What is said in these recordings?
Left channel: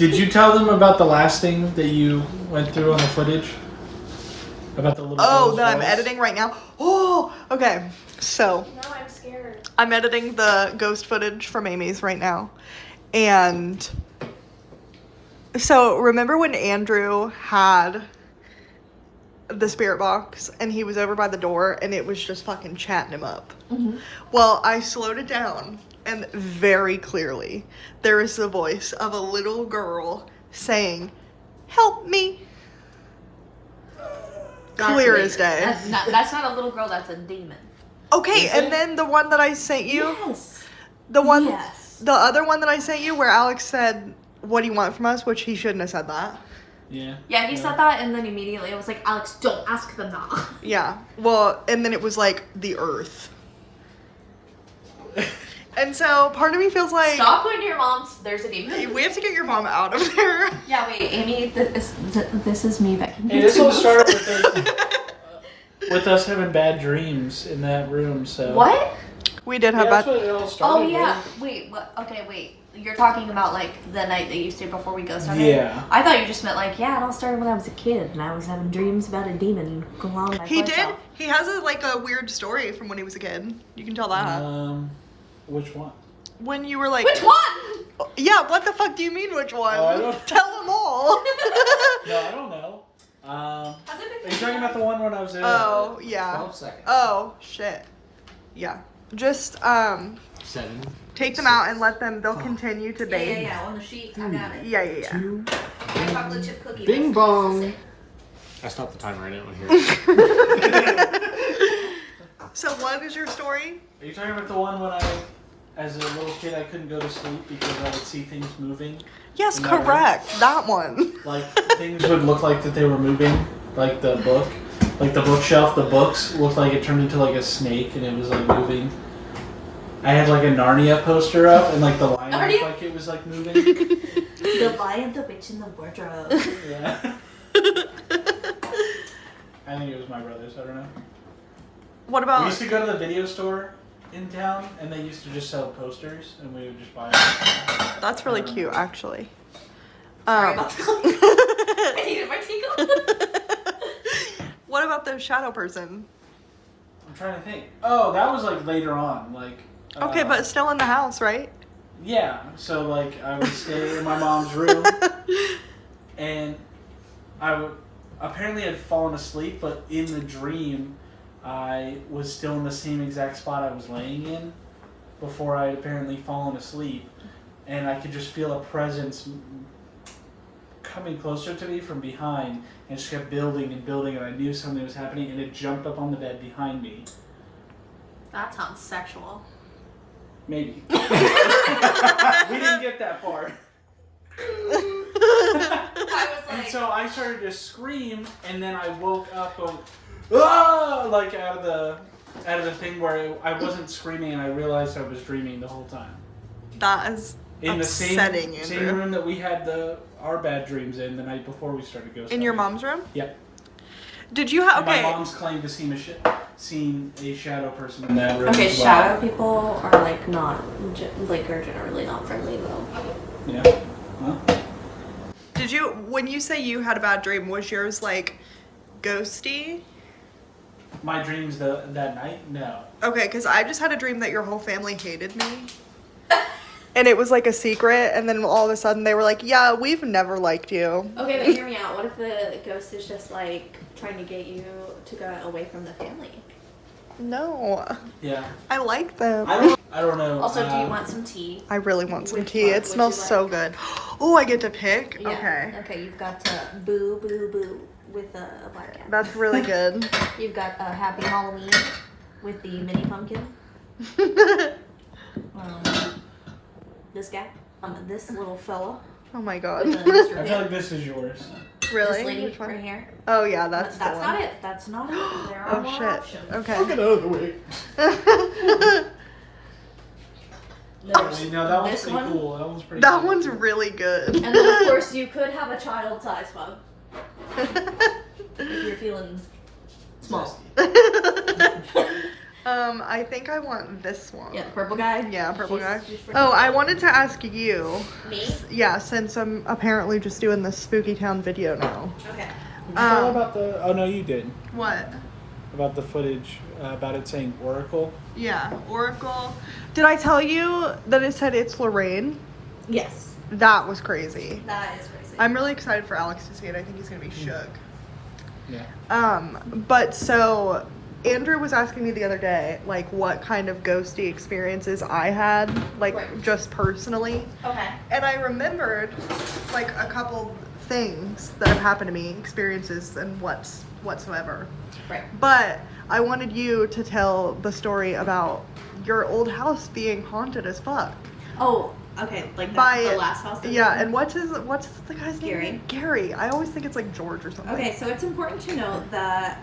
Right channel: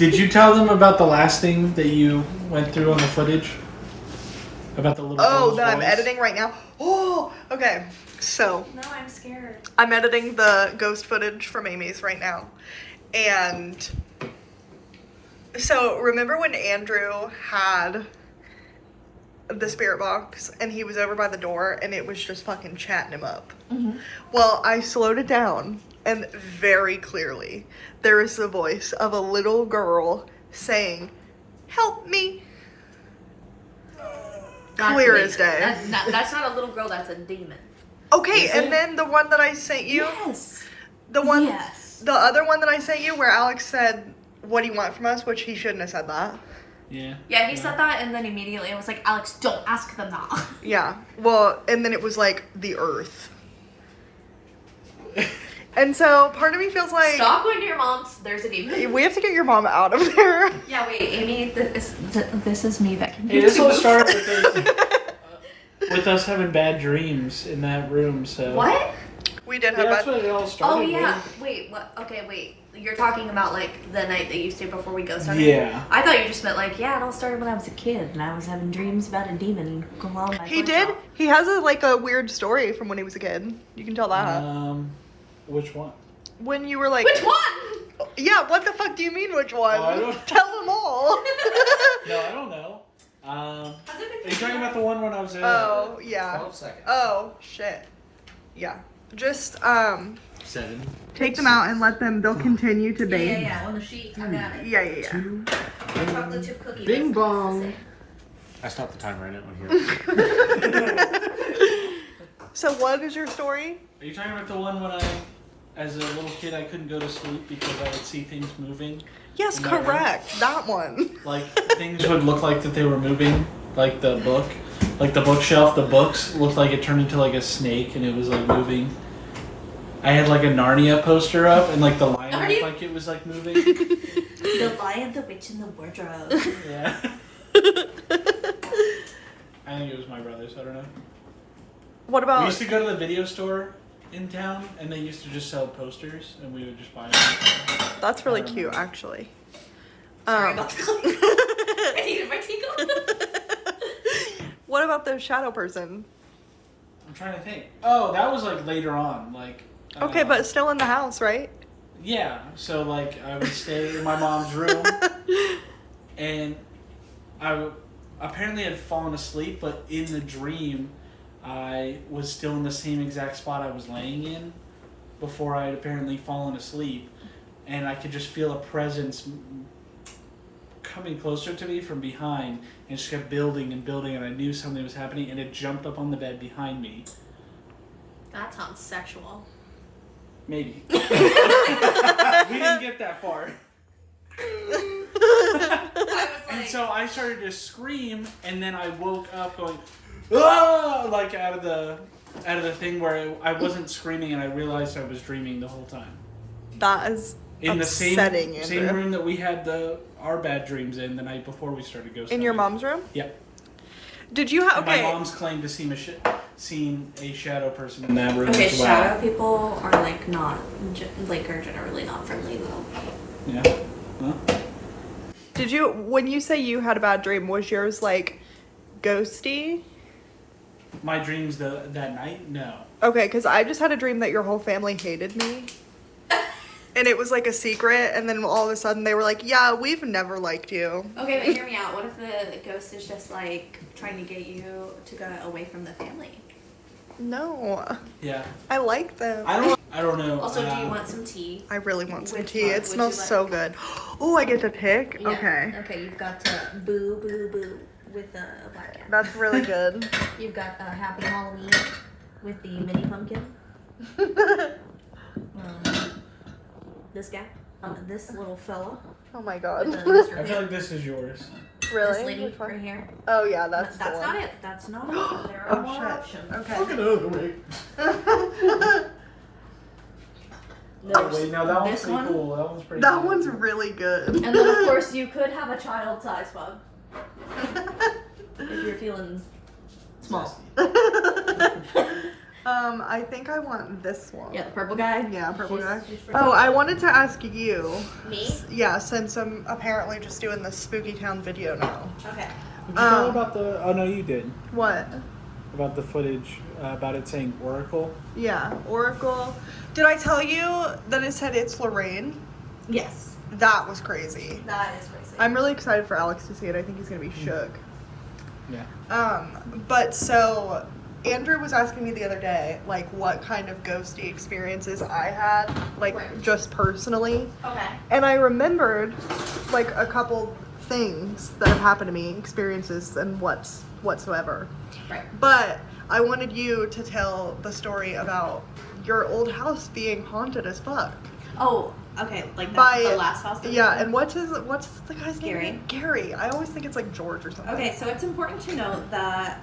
Did you tell them about the last thing that you went through on the footage? About the little Oh, girl's that I'm voice? editing right now? Oh, okay. So. No, I'm scared. I'm editing the ghost footage from Amy's right now. And so remember when Andrew had the spirit box and he was over by the door and it was just fucking chatting him up? Mm-hmm. Well, I slowed it down and very clearly there is the voice of a little girl saying, "Help me." Clear as day. That's not a little girl, that's a demon. Okay, and then the one that I sent you. Yes. The one, Yes. the other one that I sent you, where Alex said, "What do you want from us?" Which he shouldn't have said that. Yeah. Yeah, he said that, and then immediately I was like, Alex, don't ask them that. Yeah. Well, and then it was like the Earth. And so part of me feels like Stop going to your mom's. There's a demon. we have to get your mom out of there. Yeah, wait, Amy, this is me that can Hey, this all started with us having bad dreams in that room. So What? We did Yeah, have that's that. what it all started Oh, yeah. with. Wait, what? Okay, wait. You're talking about, like, the night that you stayed before we ghost hunted? Yeah. I thought you just meant, like, yeah, it all started when I was a kid, and I was having dreams about a demon clawing my He flesh did. off. He has a weird story from when he was a kid. You can tell that. Which one? When you were like, Which one? Yeah. What the fuck do you mean? Which one? Oh, I don't- Tell them all. No, I don't know. Are you talking about the one when I was in? Oh yeah. 12 seconds. Oh shit. Yeah. Just 7. take them out and let them. They'll continue to bathe. Yeah, on the sheet. I got it. Yeah. 2. Chocolate chip cookie. Bing That's bong. the same. I stopped the timer. I didn't want to hear it. So what is your story? Are you talking about the one when as a little kid, I couldn't go to sleep because I would see things moving? Yes, In that room? correct. That one. Like, things would look like that they were moving. Like the book. Like the bookshelf, the books looked like it turned into like a snake and it was like moving. I had like a Narnia poster up and like the lion looked like it was like moving. The Lion, the Witch, and the Wardrobe. Yeah. I think it was my brother's, I don't know. What We about? used to go to the video store in town and they used to just sell posters and we would just buy them. That's really cute, actually. Sorry about the I needed my tinkle. What about the shadow person? I'm trying to think. Oh, that was like later on. Like. Okay, but still in the house, right? Yeah, so like I would stay in my mom's room, and apparently had fallen asleep, but in the dream, I was still in the same exact spot I was laying in before I had apparently fallen asleep, and I could just feel a presence coming closer to me from behind, and just kept building and building, and I knew something was happening, and it jumped up on the bed behind me. That sounds sexual. Maybe. We didn't get that far. And so I started to scream, and then I woke up going, "Ah!" Like out of the thing where I wasn't screaming, and I realized I was dreaming the whole time. That is In the upsetting, same Andrew. room that we had our bad dreams in the night before we started ghost In your hunting. mom's room? Yep. Did you have? And Okay. my mom's claimed to seen a shadow person in that room Okay, as well. shadow people are like not, are generally not friendly though. Yeah. Well, Did you? When you say you had a bad dream, was yours like ghosty? my dreams that night? No. Okay, because I just had a dream that your whole family hated me. And it was like a secret, and then all of a sudden they were like, "Yeah, we've never liked you." Okay, but hear me out. What if the ghost is just like trying to get you to go away from the family? No, Yeah. I like them. I don't know. Also, do you want some tea? I really want some Which tea. one It would smells you like? so good. Oh, I get to pick? Yeah. Okay. Okay, you've got boo, boo, boo with a black cat. That's really good. You've got a happy Halloween with the mini pumpkin. This guy. This little fella. Oh my god. With the Mr. I feel Big. like this is yours. Really? This lady Which one? right here. Oh yeah, that's the That's one. not it. That's not it. There are Oh more shit. options. Okay. Look at the other way. There's Wait, now that one's this pretty one. cool. That one's pretty That cool. one's really good. And then of course you could have a child-sized bug if you're feeling small. I think I want this one. Yeah, the purple guy. Yeah, purple guy. She's Oh, I wanted to ask you. Me? Yeah, since I'm apparently just doing this Spooky Town video now. Okay. Did you tell about the? Oh no, you did. What? About the footage about it saying Oracle. Yeah, Oracle. Did I tell you that it said it's Lorraine? Yes. That was crazy. That is crazy. I'm really excited for Alex to see it. I think he's gonna be shook. Yeah. But so Andrew was asking me the other day, like, what kind of ghosty experiences I had, like, Right. just personally. Okay. And I remembered, like, a couple things that have happened to me, experiences and whatsoever. Right. But I wanted you to tell the story about your old house being haunted as fuck. Oh, okay. Like By the last house. that we Yeah, did? and what's the guy's Gary. name? Gary. I always think it's like George or something. Okay, so it's important to note that,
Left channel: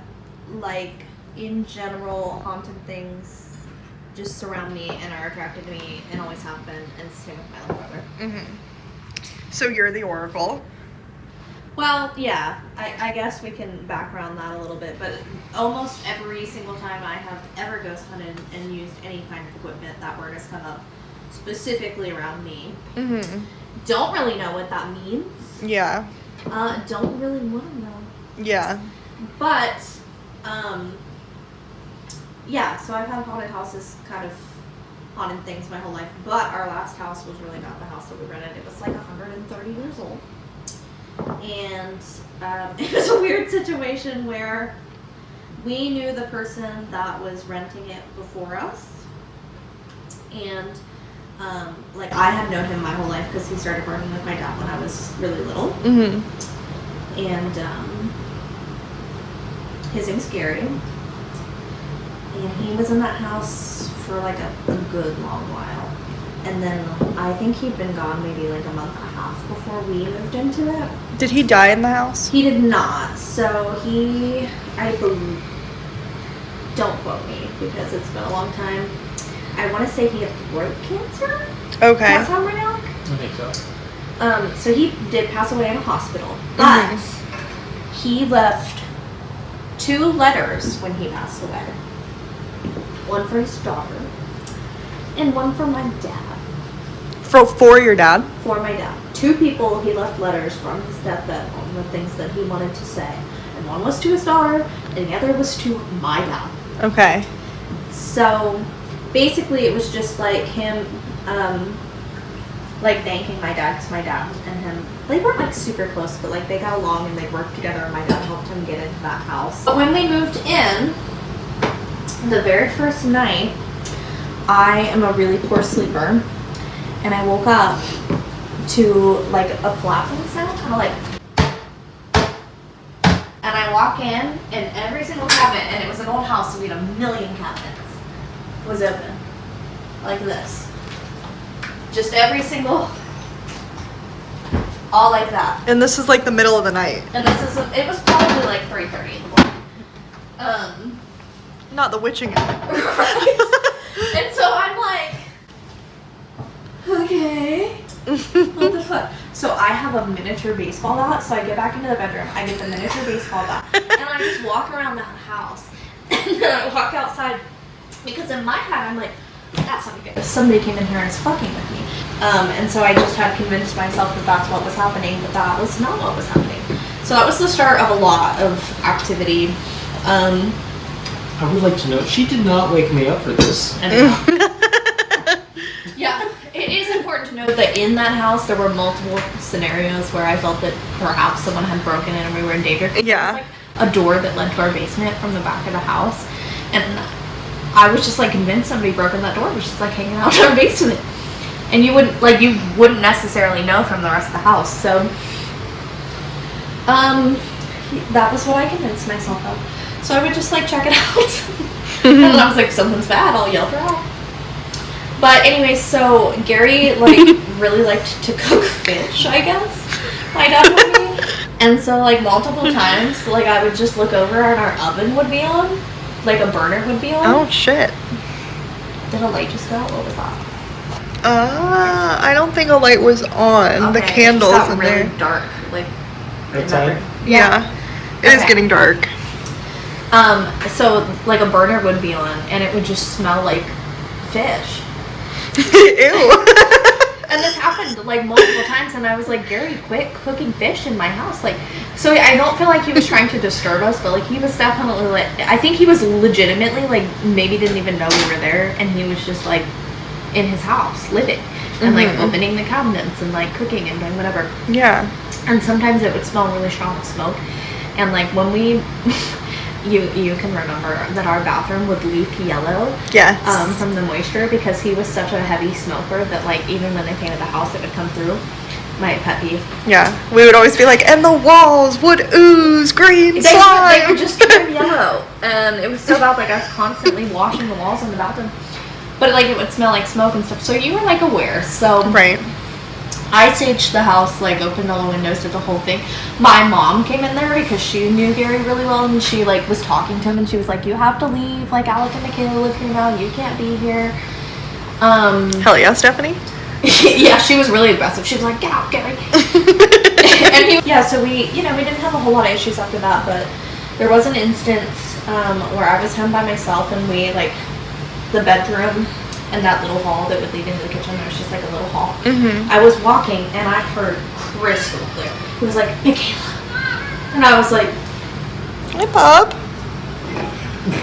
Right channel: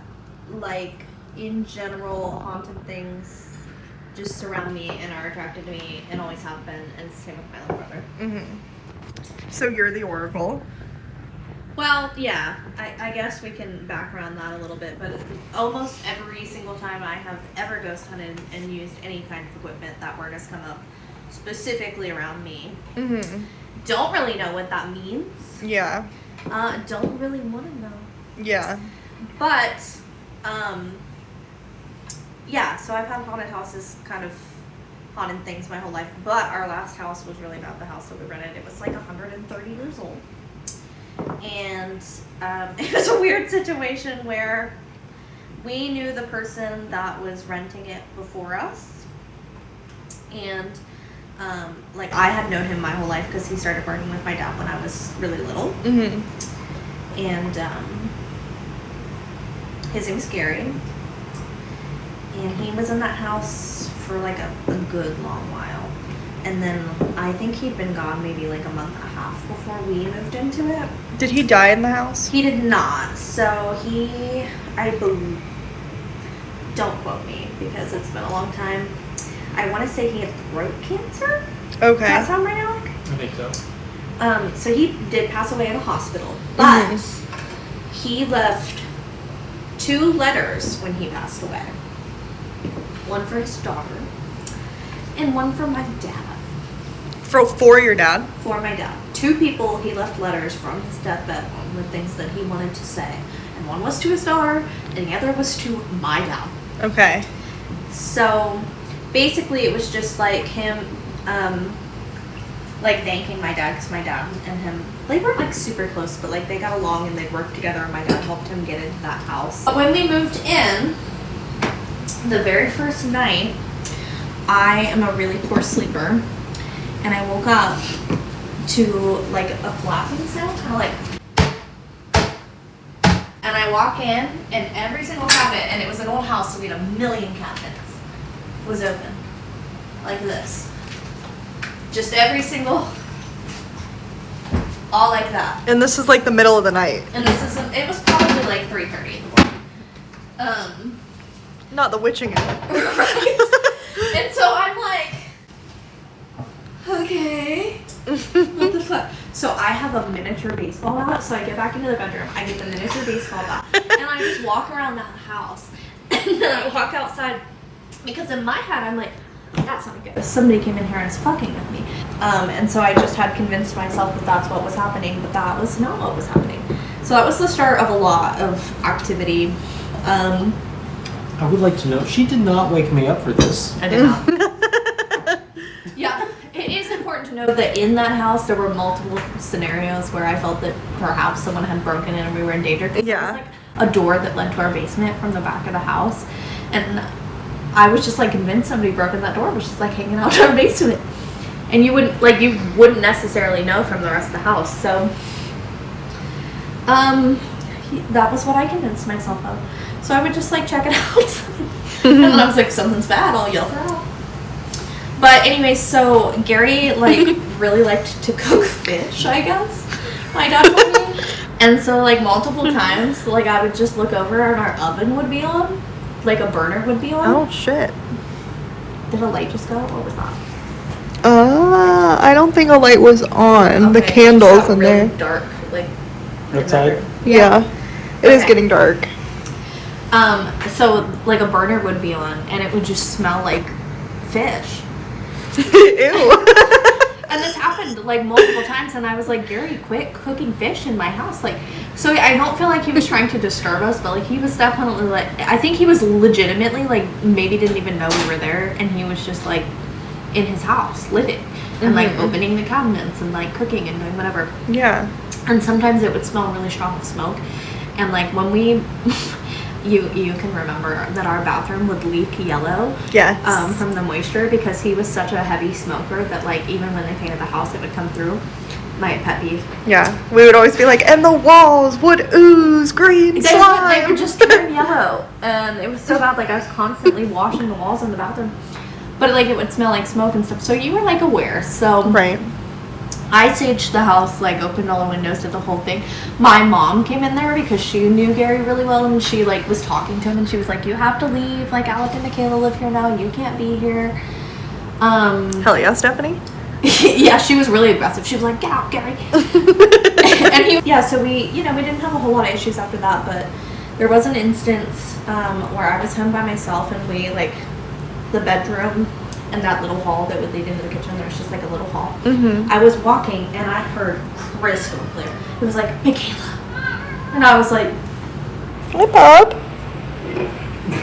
like, in general, haunted things just surround me and are attracted to me and always have been, and same with my little brother. Mm-hmm. So you're the Oracle. Well, yeah, I guess we can background that a little bit, but almost every single time I have ever ghost hunted and used any kind of equipment, that word has come up specifically around me. Mm-hmm. Don't really know what that means. Yeah. Don't really want to know. Yeah. But, yeah, so I've had haunted houses, kind of haunted things my whole life, but our last house was really not the house that we rented. It was like 130 years old. And it was a weird situation where we knew the person that was renting it before us. And, like, I had known him my whole life because he started working with my dad when I was really little. Mm-hmm. And his name's Gary. And he was in that house for like a good long while. And then I think he'd been gone maybe like a month and a half before we moved into it. Did he die in the house? He did not. So I believe, don't quote me because it's been a long time. I want to say he had throat cancer. Okay. Does that sound right, Alec? I think so. So he did pass away in a hospital, but he left 2 letters when he passed away. One for his daughter, and one for my dad. For your dad? For my dad. 2 people he left letters from his deathbed on with things that he wanted to say. And one was to his daughter, and the other was to my dad. Okay. So basically it was just like him, like thanking my dad, because my dad and him, they weren't like super close, but like they got along and they'd worked together, and my dad helped him get into that house. But when we moved in, the very first night, I am a really poor sleeper, and I woke up to like a flapping sound, kind of like, and I walk in, and every single cabinet, and it was an old house, so we had a million cabinets, was open, like this. Just every single, all like that. And this is like the middle of the night. And it was probably like 3:30 in the morning. Not the witching hour. Right? And so I'm like, okay, what the fuck? So I have a miniature baseball bat, so I get back into the bedroom, I get the miniature baseball bat, and I just walk around that house, and then I walk outside, because in my head I'm like, that's not good. Somebody came in here and is fucking with me. And so I just had convinced myself that that's what was happening, but that was not what was happening. So that was the start of a lot of activity. I would like to know, she did not wake me up for this. Yeah, it is important to note that in that house there were multiple scenarios where I felt that perhaps someone had broken in and we were in danger. Yeah. There was like a door that led to our basement from the back of the house, and I was just like convinced somebody broke in that door, was just like hanging out in our basement, and you wouldn't necessarily know from the rest of the house. So that was what I convinced myself of. So I would just like check it out. And then I was like, if something's bad, I'll yell for help. But anyway, so Gary like really liked to cook fish, I guess. My dad told me. And so like multiple times, like I would just look over and our oven would be on. Like a burner would be on. Oh shit. Did a light just go out? What was that? I don't think a light was on. The Okay, candles it's got in really there. dark, like in that Outside? room. Yeah. It is Okay. getting dark. So like a burner would be on, and it would just smell like fish. Ew. And this happened like multiple times, and I was like, Gary, quit cooking fish in my house. Like, so I don't feel like he was trying to disturb us, but like he was definitely like, I think he was legitimately like maybe didn't even know we were there, and he was just like in his house living and like opening the cabinets and like cooking and doing whatever. Yeah. And sometimes it would smell really strong with smoke, and like when we. You can remember that our bathroom would leak yellow, Yes. From the moisture, because he was such a heavy smoker that like even when they painted the house, it would come through. My pet peeve. Yeah, we would always be like, and the walls would ooze green slime. They would just turn yellow, and it was so bad. Like I was constantly washing the walls in the bathroom, but like it would smell like smoke and stuff. So you were like aware. So Right. I saged the house, like opened all the windows, did the whole thing. My mom came in there because she knew Gary really well, and she like was talking to him, and she was like, "You have to leave. Like Alec and Michaela live here now. You can't be here." Hell yeah, Stephanie. Yeah, she was really aggressive. She was like, "Get out, Gary." And so we didn't have a whole lot of issues after that, but there was an instance where I was home by myself, and we like the bedroom. And that little hall that would lead into the kitchen, there's just like a little hall. I was walking and I heard crystal clear. It was like, Michaela. And I was like, Hey, Bob.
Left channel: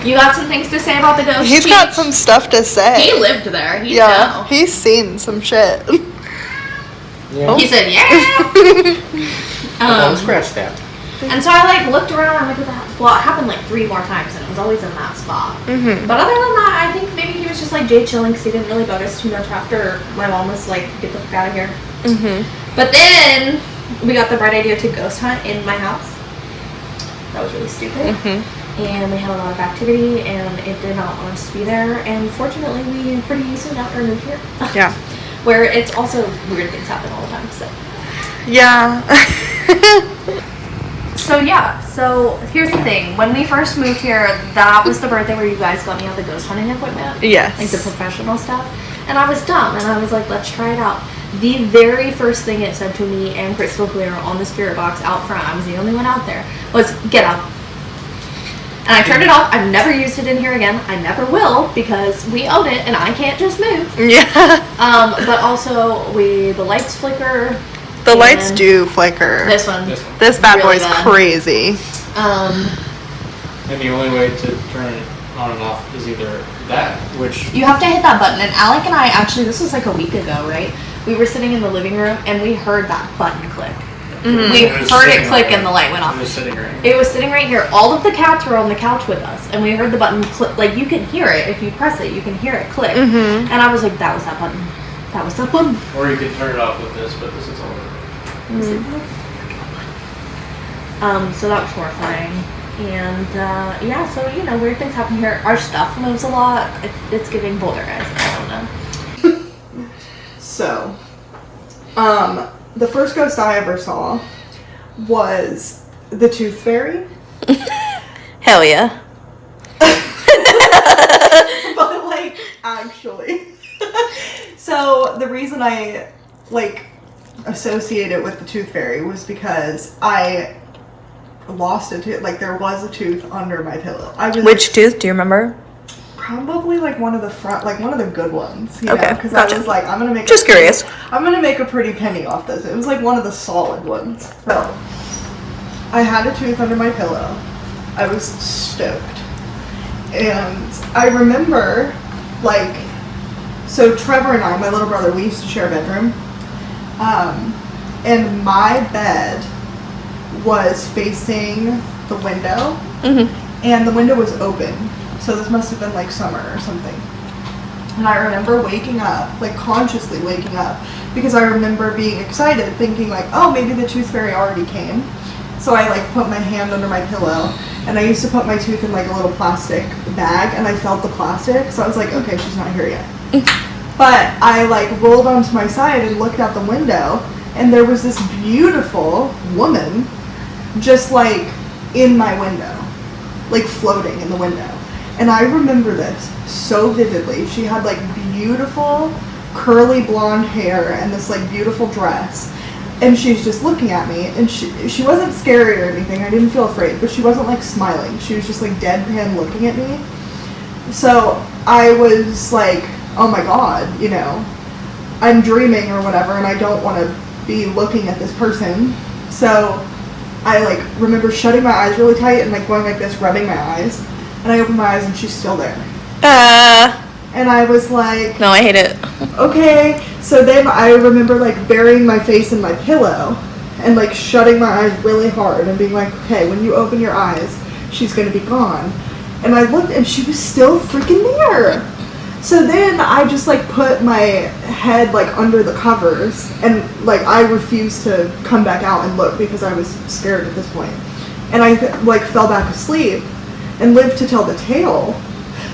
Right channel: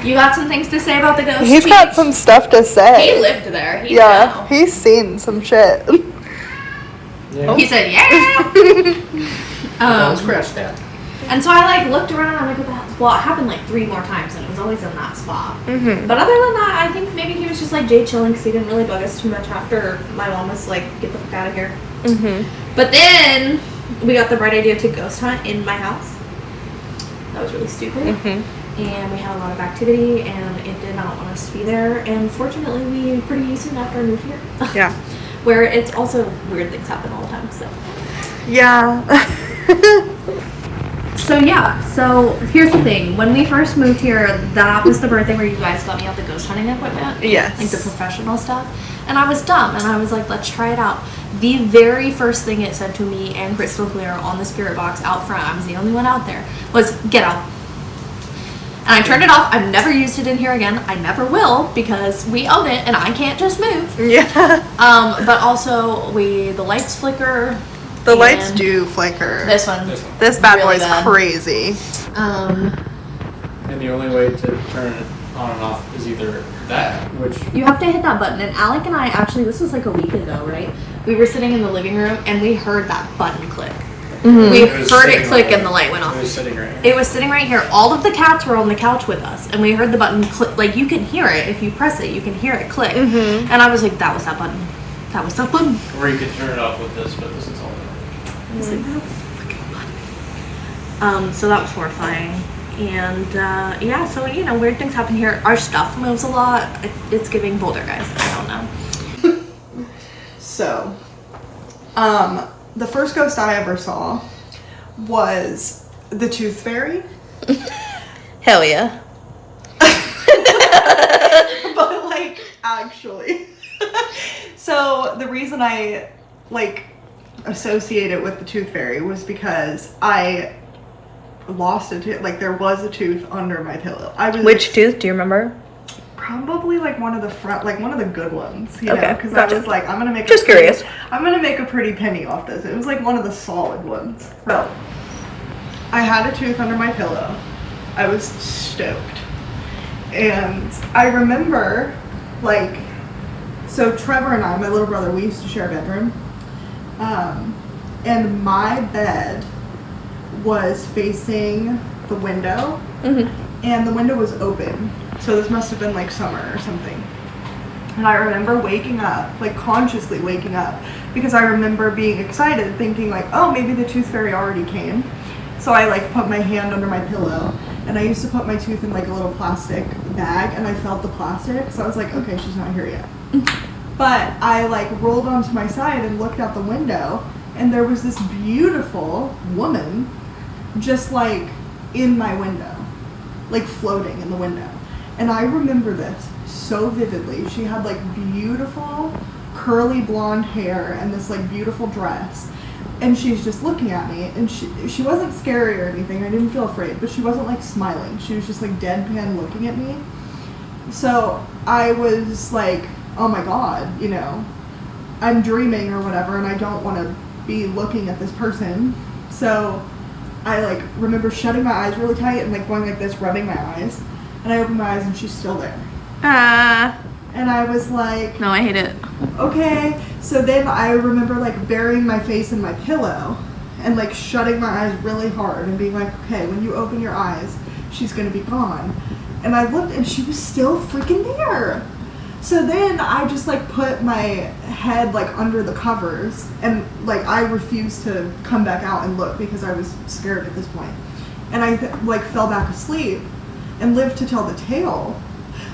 you got some things to say about the ghost? He's got some stuff to say. He lived there. He Yeah, he's seen some shit. Yeah. He said, yeah. Scratch that. And so I like looked around and looked at that. Well, it happened like 3 more times, and it was always in that spot. But other than that, I think maybe he was just like Jay chilling because he didn't really bug us too much after my mom was like, get the fuck out of here. But then we got the bright idea to ghost hunt in my house. That was really stupid. And we had a lot of activity, and it did not want us to be there. And fortunately, we pretty soon after moved here. Yeah. Where it's also weird things happen all the time. So. Yeah. So yeah, so here's the thing. When we first moved here, that was the birthday where you guys got me all the ghost hunting equipment. Yes. Like the professional stuff. And I was dumb, and I was like, let's try it out. The very first thing it said to me, and crystal clear on the spirit box out front, I was the only one out there, was get out. And I turned it off. I've never used it in here again. I never will, because we own it, and I can't just move. Yeah. But also, the lights flicker. The lights do flicker. This one. This bad really boy's bad. crazy. And the only way to turn it on and off is either that, which You have to hit that button. And Alec and I, actually, this was like a week ago, right? We were sitting in the living room, and we heard that button click. We was heard it sitting click, right- and the light went off. it was sitting right. It was sitting right here. All of the cats were on the couch with us, and we heard the button click. Like, you can hear it. If you press it, you can hear it click. And I was like, that was that button. That was that button. Or you could turn it off with this, but this is all. So that was horrifying. And, yeah, so, weird things happen here. Our stuff moves a lot. It's giving Boulder, guys. I don't know. So, the first ghost I ever saw was the Tooth Fairy. Hell yeah. But, like, actually. So, the reason I, like, associate it with the Tooth Fairy was because I lost a tooth. Like, there was a tooth under my pillow. Which tooth? Do you remember? Probably like one of the front, like one of the good ones. You Okay, know, because gotcha. I was like, I'm gonna make. Just curious. I'm gonna make a pretty penny off this. It was like one of the solid ones. So, I had a tooth under my pillow. I was stoked, and I remember, like, so Trevor and I, my little brother, we used to share a bedroom, and my bed was facing the window, and the window was open. So this must have been like summer or something. And I remember waking up, like consciously waking up, because I remember being excited, thinking like, oh, maybe the Tooth Fairy already came. So I like put my hand under my pillow, and I used to put my tooth in like a little plastic bag, and I felt the plastic, so I was like, okay, she's not here yet. But I like rolled onto my side and looked out the window, and there was this beautiful woman just like in my window, like floating in the window. And I remember this so vividly. She had like beautiful curly blonde hair and this like beautiful dress. and she's just looking at me, and she wasn't scary or anything. I didn't feel afraid, but she wasn't like smiling. She was just like deadpan looking at me. So I was like, oh my god, you know, I'm dreaming or whatever, and I don't want to be looking at this person. So I like remember shutting my eyes really tight and like going like this, rubbing my eyes, and I opened my eyes and she's still there. And I was like, No, I hate it. okay. So then I remember like burying my face in my pillow and like shutting my eyes really hard and being like, okay, when you open your eyes, she's gonna be gone. And I looked and she was still freaking there. So then I just like put my head like under the covers and like I refused to come back out and look because I was scared at this point. And I like fell back asleep and lived to tell the tale.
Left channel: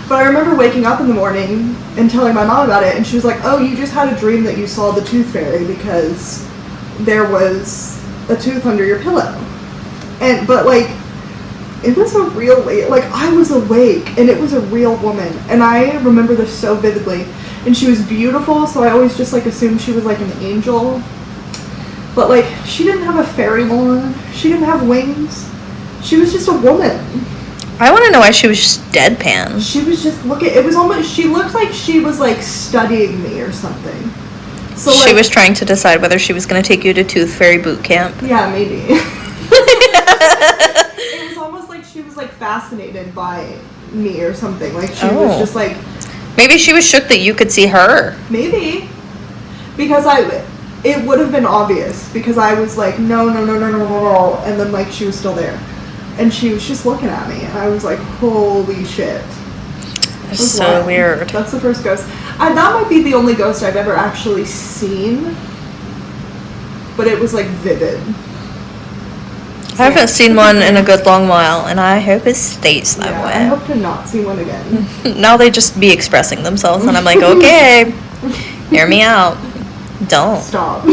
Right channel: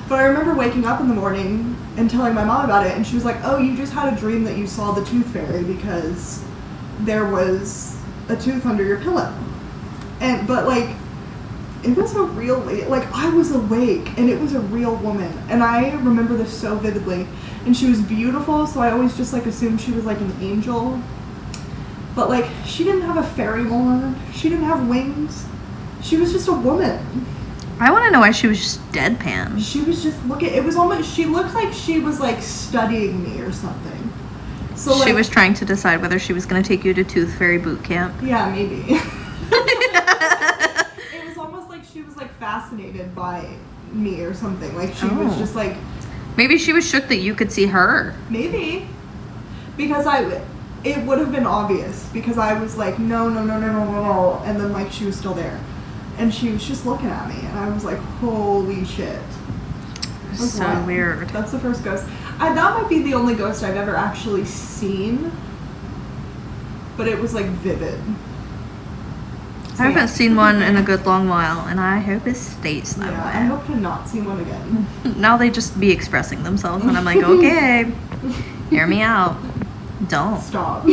But I remember waking up in the morning and telling my mom about it, and she was like, oh, you just had a dream that you saw the tooth fairy because there was a tooth under your pillow. But like, it was a real, like, I was awake, and it was a real woman, and I remember this so vividly. And she was beautiful, so I always just like assumed she was like an angel. But like, she didn't have a fairy wand, she didn't have wings, she was just a woman. I want to know why she was just deadpan. She was just looking. It was almost. She looked like she was like studying me or something. So She like, was trying to decide whether she was going to take you to Tooth Fairy boot camp. Yeah, maybe. It was almost like she was like fascinated by me or something. Like she was just like. Maybe she was shook that you could see her. Maybe, because it would have been obvious because I was like no, and then like she was still there. And she was just looking at me, and I was like, holy shit. That's so weird. That's the first ghost. That might be the only ghost I've ever actually seen, but it was like vivid. I haven't seen one in a good long while, and I hope it stays that I way. hope to not see one again. Now they just be expressing themselves, and I'm like, okay, hear me out. Don't. Stop.